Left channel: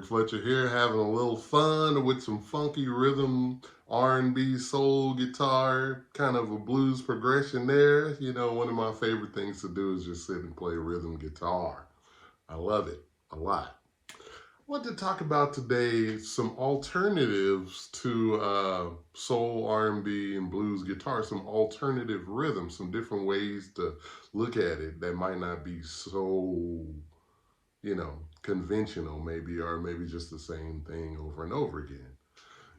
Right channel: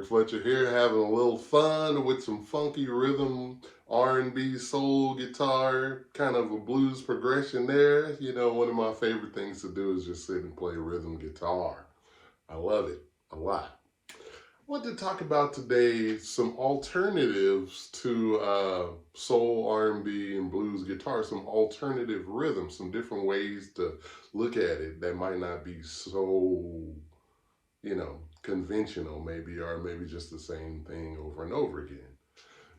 Kirk Fletcher here, having a little fun with some funky rhythm, R&B, soul guitar, kind of a blues progression there. You know, one of my favorite things to do is just sit and play rhythm guitar. I love it a lot. I want to talk about today some alternatives to soul, R&B, and blues guitar, some alternative rhythms, some different ways to look at it that might not be so conventional maybe, or maybe just the same thing over and over again.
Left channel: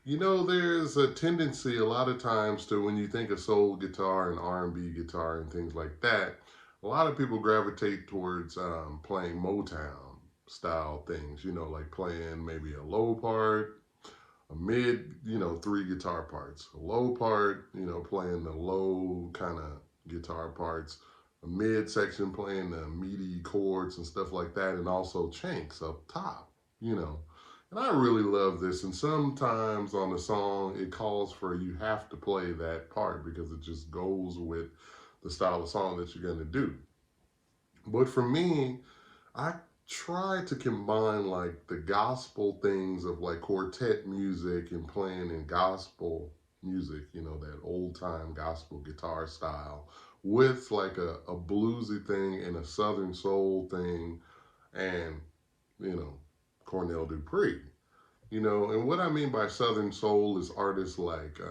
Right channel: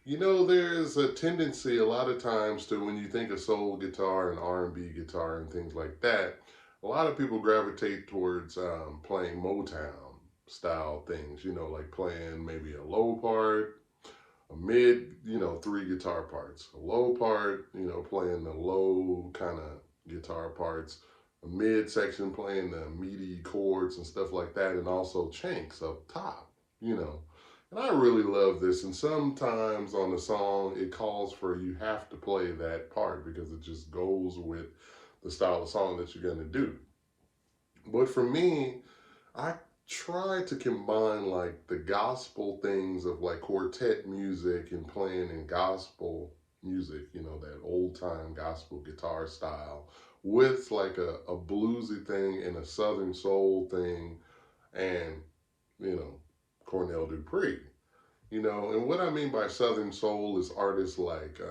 You know, there's a tendency a lot of times to, when you think of soul guitar and R&B guitar and things like that, a lot of people gravitate towards playing Motown style things, like playing maybe a low part, a mid, three guitar parts, a low part, playing the low kind of guitar parts, a mid section playing the meaty chords and stuff like that, and also chanks up top. And I really love this. And sometimes on a song, it calls for you have to play that part because it just goes with the style of song that you're going to do. But for me, I try to combine like the gospel things of like quartet music and playing in gospel music, that old time gospel guitar style, with like a bluesy thing and a southern soul thing, and, Cornell Dupree. And what I mean by southern soul is artists like,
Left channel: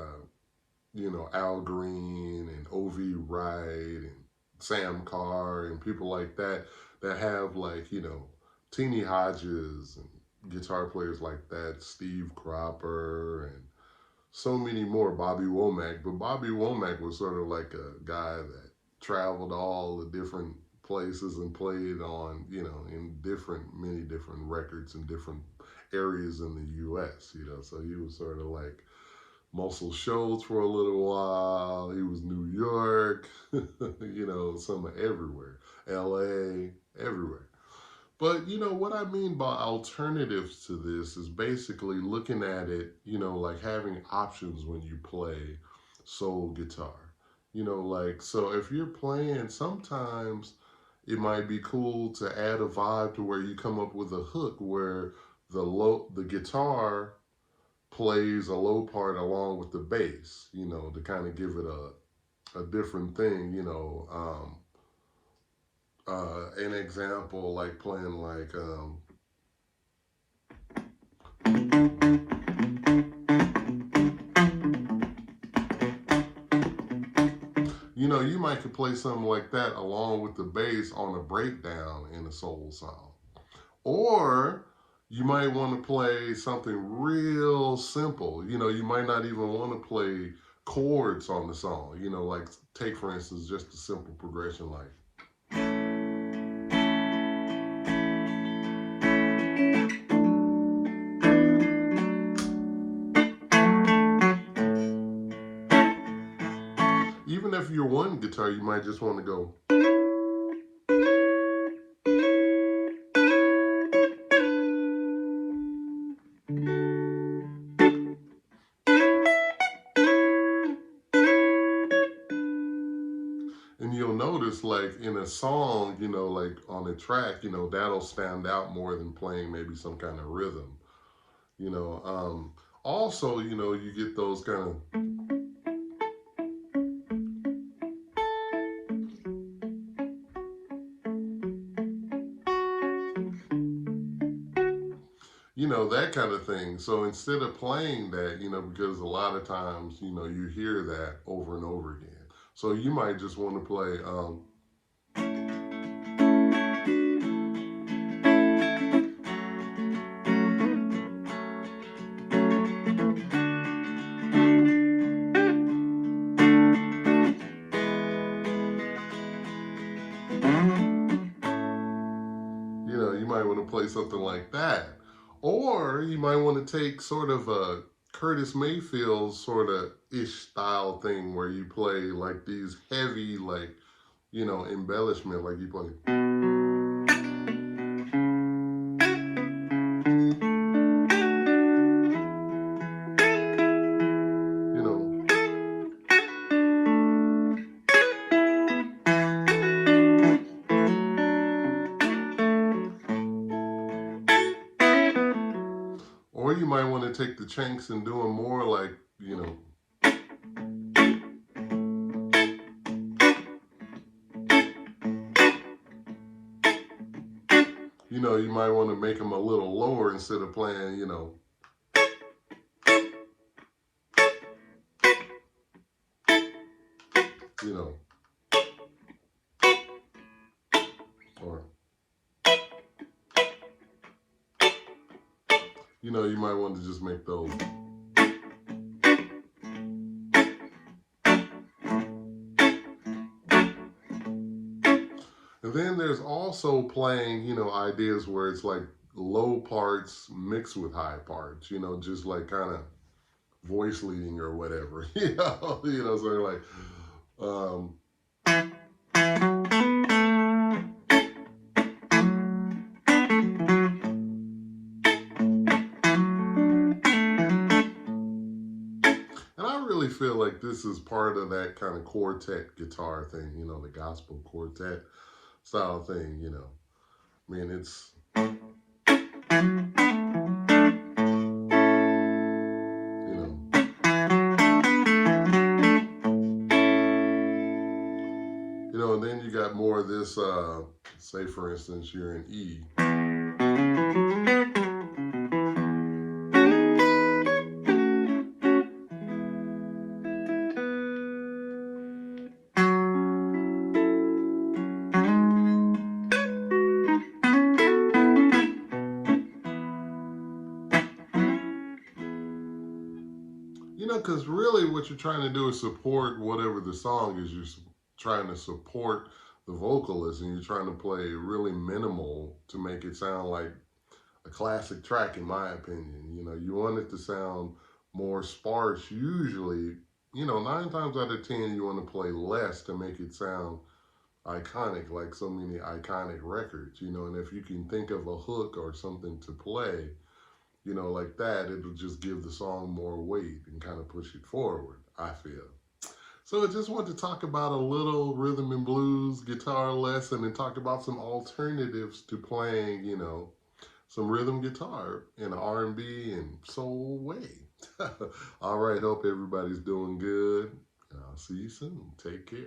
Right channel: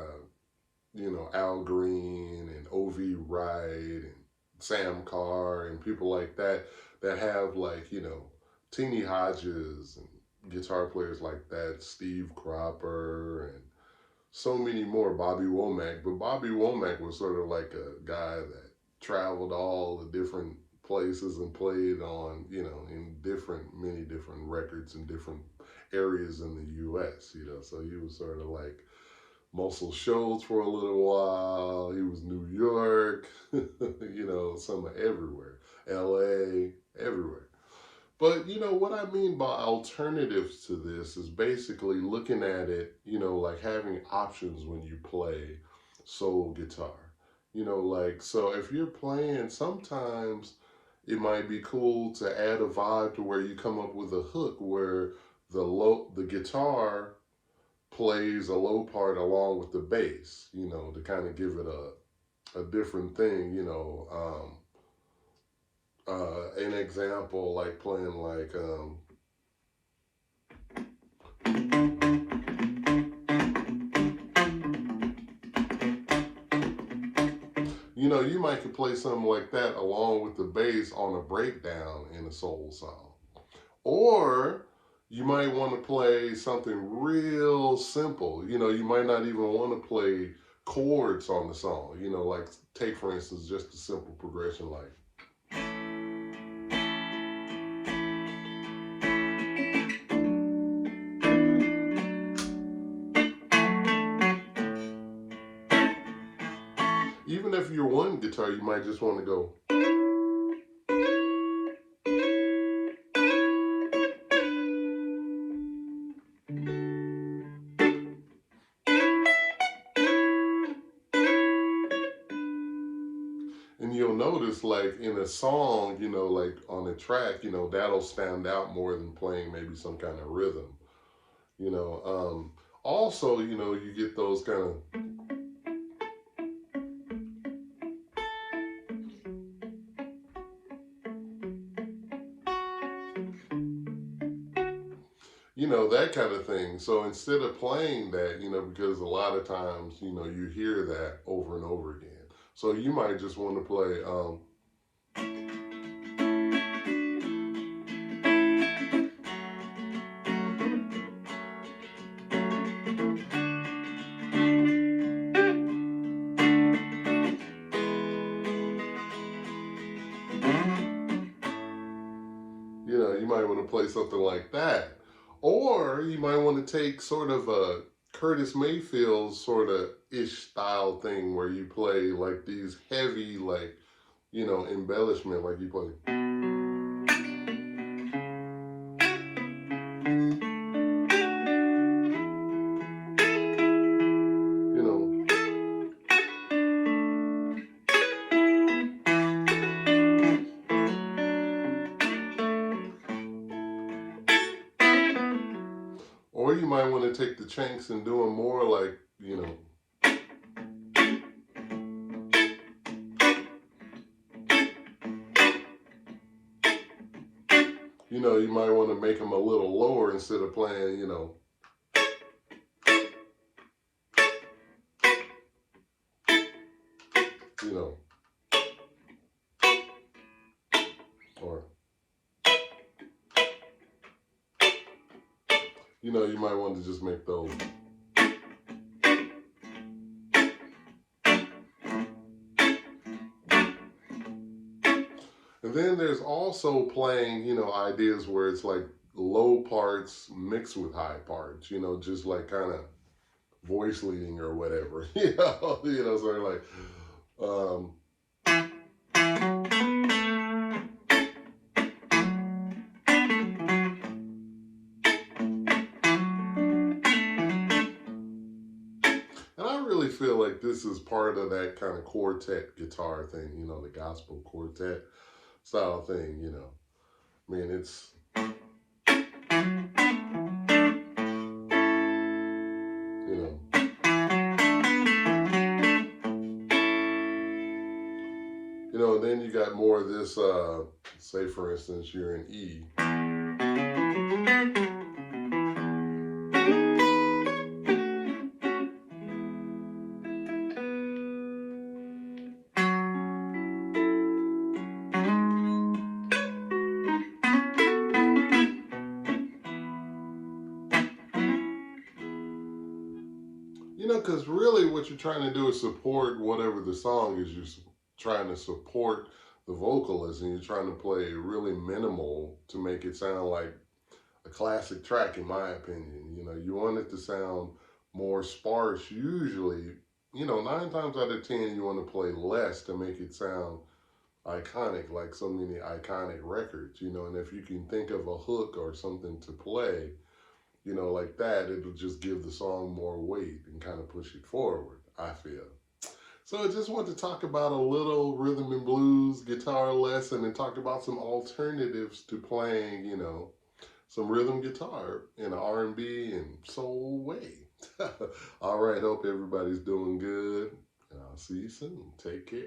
Al Green and O.V. Wright and Sam Carr and people like that, that have like, Teenie Hodges and guitar players like that, Steve Cropper and so many more, Bobby Womack. But Bobby Womack was sort of like a guy that traveled all the different places and played on, in many different records in different areas in the U.S., so he was sort of like Muscle Shoals for a little while. He was New York, some everywhere, LA, everywhere. But, what I mean by alternatives to this is basically looking at it, like having options when you play soul guitar. So if you're playing, sometimes it might be cool to add a vibe to where you come up with a hook where the guitar plays a low part along with the bass, to kind of give it a different thing, an example, like playing like, you might could play something like that along with the bass on a breakdown in a soul song. Or you might want to play something real simple. You might not even want to play chords on the song. Like take, for instance, just a simple progression like. Even if you're one guitar, you might just want to go. And you'll notice, like in a song, like on a track, that'll stand out more than playing maybe some kind of rhythm. Also, you get those kind of. That kind of thing. So instead of playing that, because a lot of times, you hear that over and over again. So you might just want to play, you might want to play something like that. Or you might want to take sort of a Curtis Mayfield sort of ish style thing where you play like these heavy, like, embellishment, like you play. You know, Or you might want to take the chanks and do them more like, you might want to make them a little lower instead of playing, you know, or, you might want to just make those. And then there's also playing, ideas where it's like low parts mixed with high parts, just like kind of voice leading or whatever, so like, um, and I really feel like this is part of that kind of quartet guitar thing, the gospel quartet style thing, I mean, it's, you know, and then you got more of this, say for instance, you're in E. Because really what you're trying to do is support whatever the song is. You're trying to support the vocalist, and you're trying to play really minimal to make it sound like a classic track, in my opinion. You want it to sound more sparse. Usually, 9 times out of 10, you want to play less to make it sound iconic, like so many iconic records, and if you can think of a hook or something to play, like that, it'll just give the song more weight and kind of push it forward, I feel. So I just wanted to talk about a little rhythm and blues guitar lesson and talk about some alternatives to playing, some rhythm guitar in an R&B and soul way. All right, hope everybody's doing good. And I'll see you soon. Take care.